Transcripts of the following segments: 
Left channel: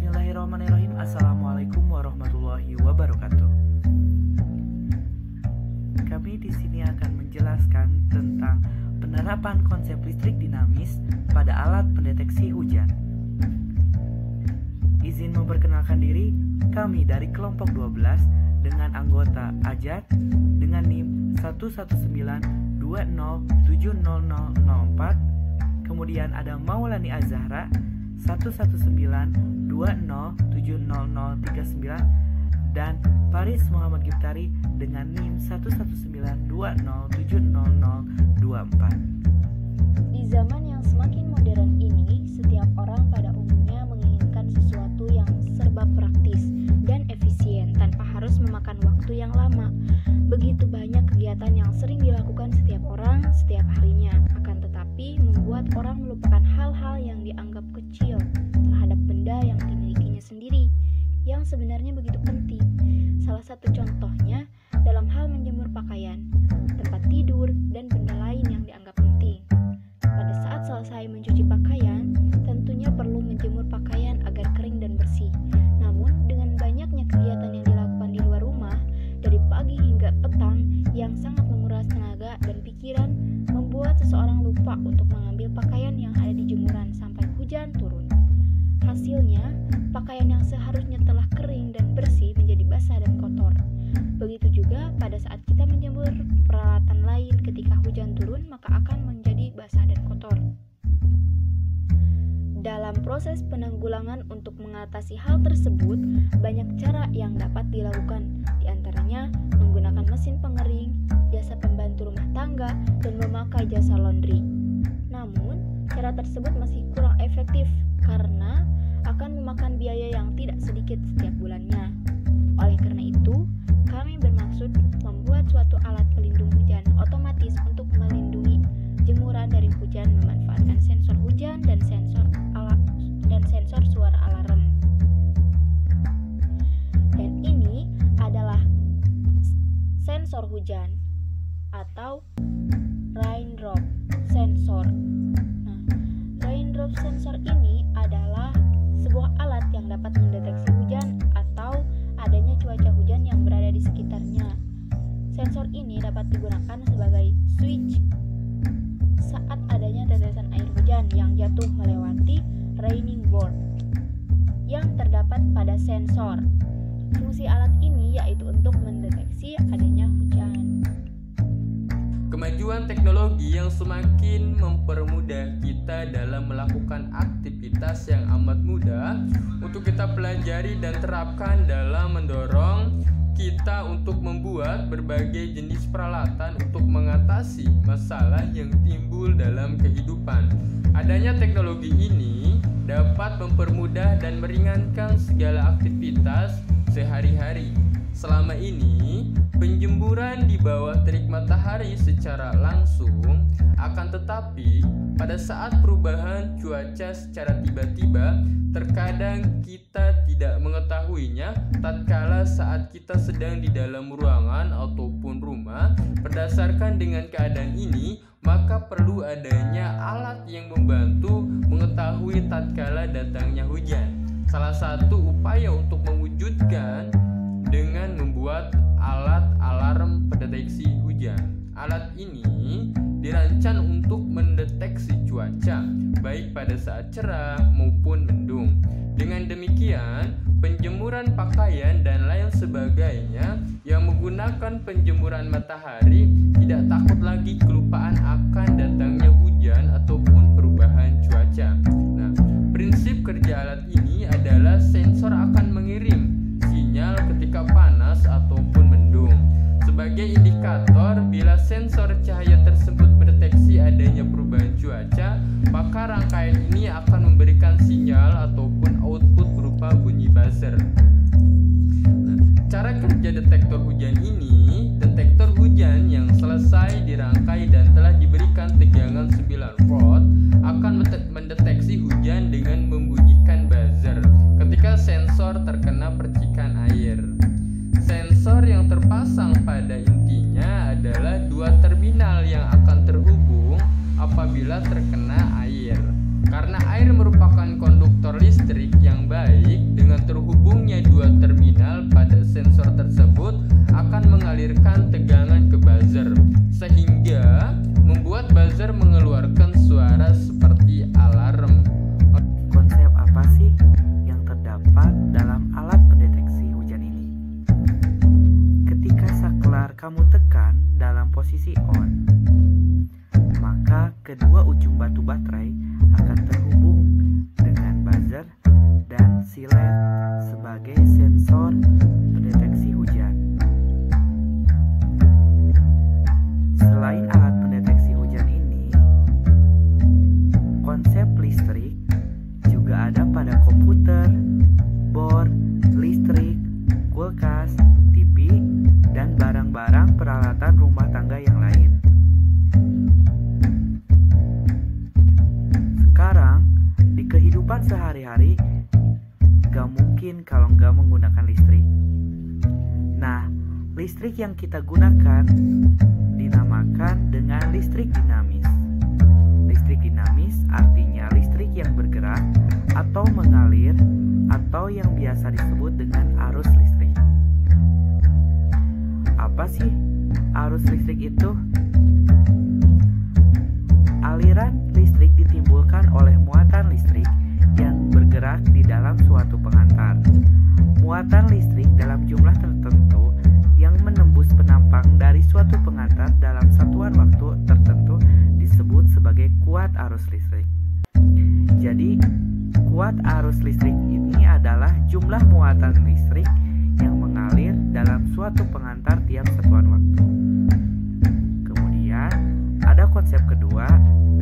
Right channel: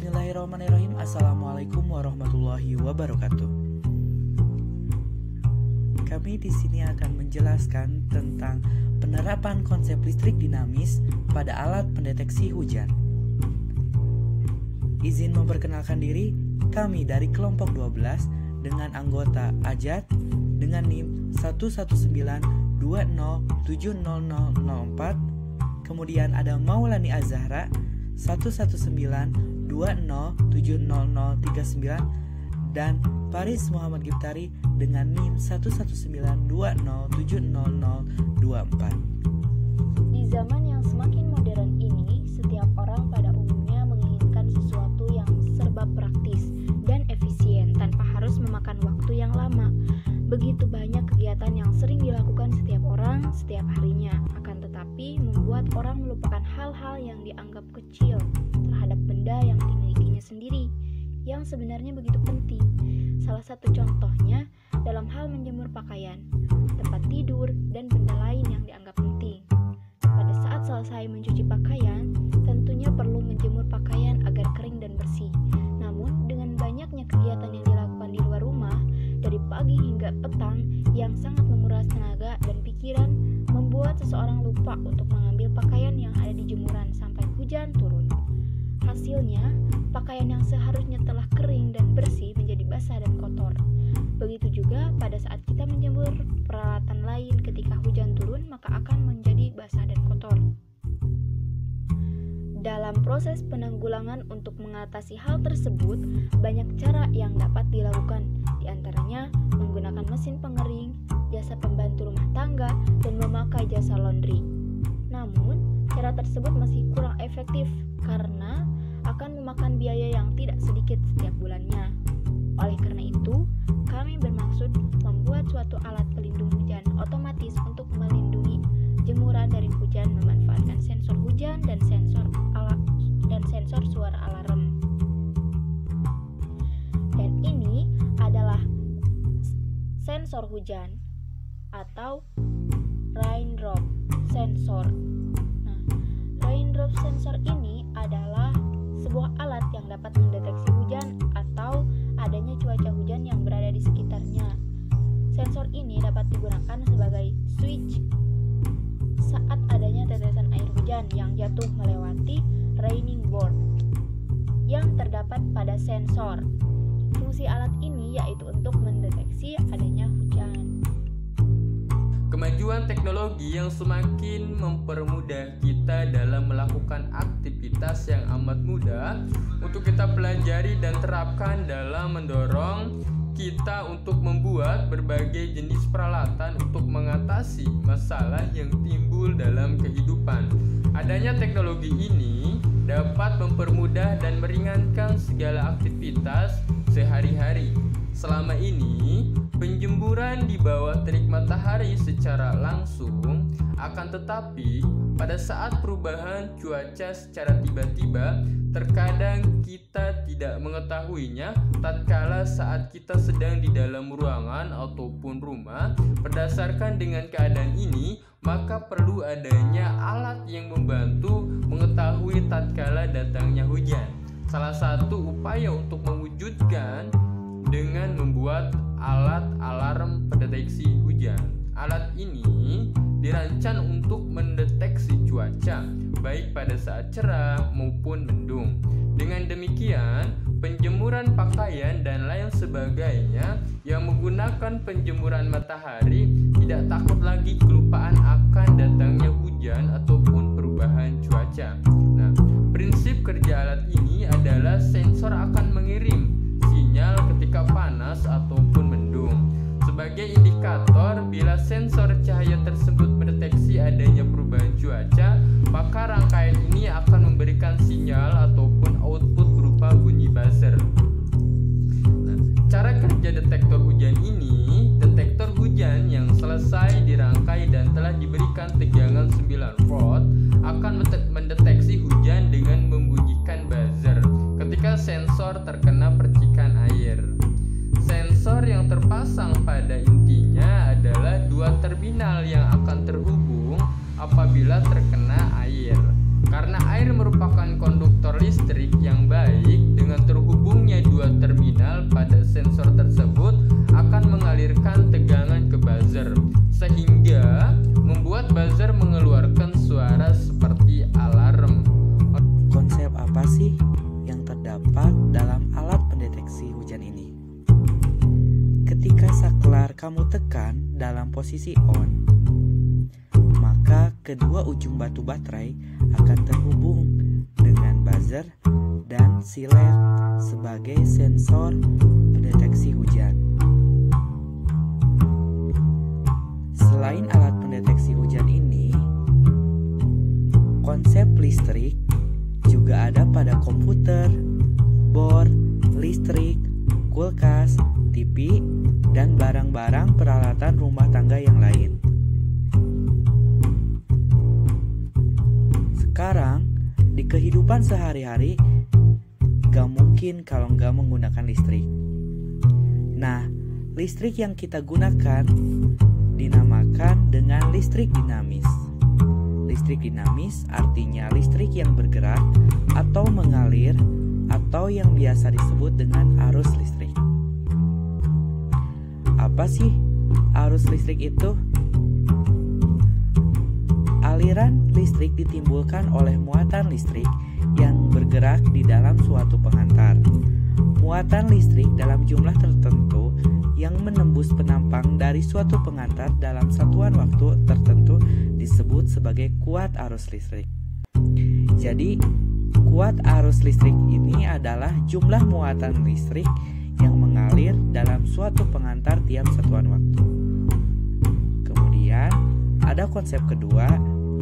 Bismillahirrahmanirrahim. Assalamualaikum warahmatullahi wabarakatuh. Kami di sini akan menjelaskan tentang penerapan konsep listrik dinamis pada alat pendeteksi hujan. Izin memperkenalkan diri, kami dari kelompok 12 dengan anggota Ajat dengan NIM 119207004. Kemudian ada Maulani Azahra 119207039 dan Paris Muhammad Giftari dengan NIM 119207024. Di zaman yang semakin modern ini, setiap orang pada umumnya menginginkan sesuatu yang serba praktis dan efisien tanpa harus memakan waktu yang lama. Begitu banyak kegiatan yang sering dilakukan setiap orang setiap harinya, akan tetapi membuat orang melupakan hal-hal yang dianggap kecil terhadap benda yang dimilikinya sendiri, yang sebenarnya begitu penting. Salah satu contohnya dalam hal menjemur pakaian, tempat tidur, dan benda lain yang dianggap penting. Pada saat selesai mencuci pakaian, tentunya perlu menjemur pakaian agar kering dan bersih. Namun, dengan banyaknya kegiatan yang dilakukan di luar rumah, dari pagi hingga petang yang sangat menguras tenaga dan pikiran, membuat seseorang lupa untuk mengambil pakaian yang ada di jemuran sampai hujan turun. Hasilnya, pakaian yang seharusnya telah kering dan bersih menjadi basah dan kotor. Begitu juga pada saat kita menjemur peralatan lain ketika hujan turun, maka akan menjadi basah dan kotor. Dalam proses penanggulangan untuk mengatasi hal tersebut, banyak cara yang dapat dilakukan, di antaranya menggunakan mesin pengering, jasa pembantu rumah tangga, dan memakai jasa laundry. Namun, cara tersebut masih kurang efektif karena akan memakan biaya yang tidak sedikit setiap bulannya. Oleh karena itu, kami bermaksud membuat suatu alat pelindung hujan otomatis untuk melindungi jemuran dari hujan memanfaatkan sensor hujan dan sensor suara alarm. Dan ini adalah sensor hujan atau raindrop sensor. Nah, raindrop sensor ini adalah sebuah alat yang dapat mendeteksi hujan atau adanya cuaca hujan yang berada di sekitarnya. Sensor ini dapat digunakan sebagai switch saat adanya tetesan air hujan yang jatuh melewati raining board yang terdapat pada sensor. Fungsi alat ini yaitu untuk mendeteksi adanya hujan. Kemajuan teknologi yang semakin mempermudah kita dalam melakukan aktivitas yang amat mudah untuk kita pelajari dan terapkan dalam mendorong kita untuk membuat berbagai jenis peralatan untuk mengatasi masalah yang timbul dalam kehidupan. Adanya teknologi ini dapat mempermudah dan meringankan segala aktivitas sehari-hari. Selama ini, penjemburan di bawah terik matahari secara langsung, akan tetapi pada saat perubahan cuaca secara tiba-tiba, terkadang kita tidak mengetahuinya tatkala saat kita sedang di dalam ruangan ataupun rumah. Berdasarkan dengan keadaan ini, maka perlu adanya alat yang membantu mengetahui tatkala datangnya hujan. Salah satu upaya untuk mewujudkan dengan membuat alat alarm pendeteksi hujan. Alat ini dirancang untuk mendeteksi cuaca, baik pada saat cerah maupun mendung. Dengan demikian, penjemuran pakaian dan lain sebagainya yang menggunakan penjemuran matahari tidak takut lagi kelupaan akan datangnya hujan ataupun perubahan cuaca. Nah, prinsip kerja alat ini adalah sensor akan mengirim sinyal ketika panas ataupun mendung. Sebagai indikator, bila sensor cahaya tersebut mendeteksi adanya perubahan cuaca, maka rangkaian ini akan memberikan sinyal ataupun output berupa bunyi buzzer. Nah, cara kerja detektor hujan ini, detektor hujan yang selesai dirangkai dan telah diberikan tegangan 9 volt akan mendeteksi hujan dengan membunyikan buzzer ketika sensor terkena percikan air. Sensor yang terpasang pada intinya adalah dua terminal yang akan terhubung apabila terkena air. Karena air merupakan konduktor listrik yang baik kamu tekan dalam posisi on, maka kedua ujung batu baterai akan terhubung dengan buzzer dan silet sebagai sensor pendeteksi hujan. Selain alat pendeteksi hujan ini, konsep listrik juga ada pada komputer, board listrik, kulkas, TV, dan barang-barang peralatan rumah tangga yang lain. Sekarang, di kehidupan sehari-hari, gak mungkin kalau gak menggunakan listrik. Nah, listrik yang kita gunakan dinamakan dengan listrik dinamis. Listrik dinamis artinya listrik yang bergerak atau mengalir atau yang biasa disebut dengan arus listrik. Apa sih arus listrik itu? Aliran listrik ditimbulkan oleh muatan listrik yang bergerak di dalam suatu pengantar. Muatan listrik dalam jumlah tertentu yang menembus penampang dari suatu pengantar dalam satuan waktu tertentu disebut sebagai kuat arus listrik. Jadi, kuat arus listrik ini adalah jumlah muatan listrik yang mengalir dalam suatu pengantar tiap satuan waktu. Kemudian, ada konsep kedua,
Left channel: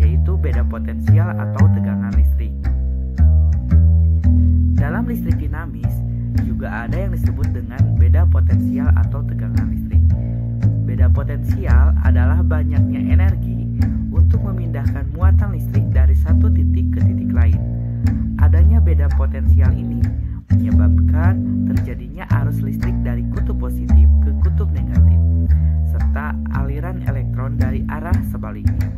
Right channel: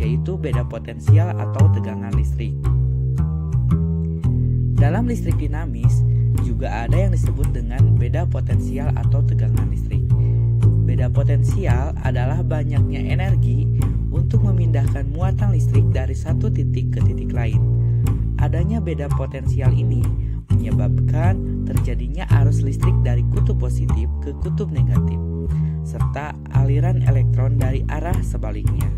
yaitu beda potensial atau tegangan listrik. Dalam listrik dinamis, juga ada yang disebut dengan beda potensial atau tegangan listrik. Beda potensial adalah banyaknya energi untuk memindahkan muatan listrik dari satu titik ke titik lain. Adanya beda potensial ini menyebabkan terjadinya arus listrik dari kutub positif ke kutub negatif, serta aliran elektron dari arah sebaliknya.